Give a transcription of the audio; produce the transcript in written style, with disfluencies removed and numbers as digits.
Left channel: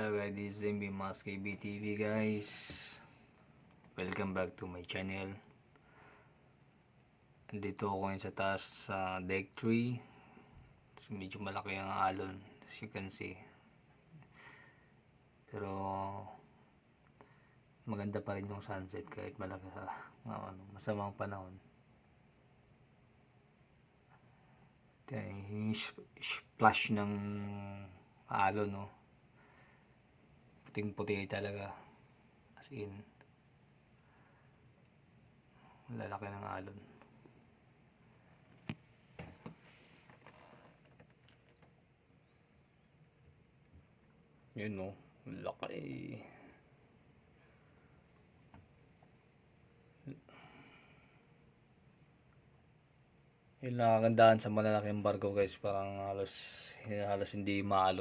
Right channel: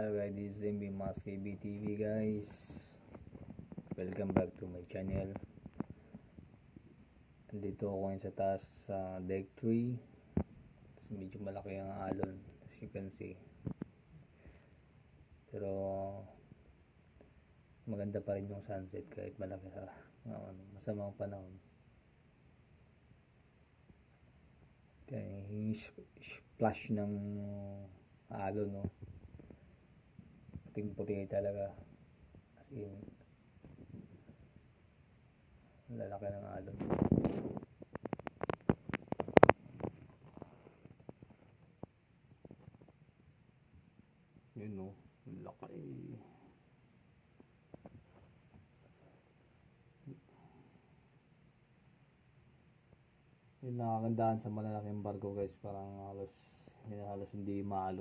Hello guys, this is MB Mas KBTV guys. Welcome back to my channel. Andito ako ngayon sa taas sa deck 3. Medyo malaki ang alon as you can see. Pero maganda pa rin yung sunset kahit malaki sa masamang panahon. Yung splash ng alon, no? Puting puti talaga, as in lalaki ng alon. Yun, no, laki. Yung nakakandaan sa malalaking barko guys, parang halos hindi maalo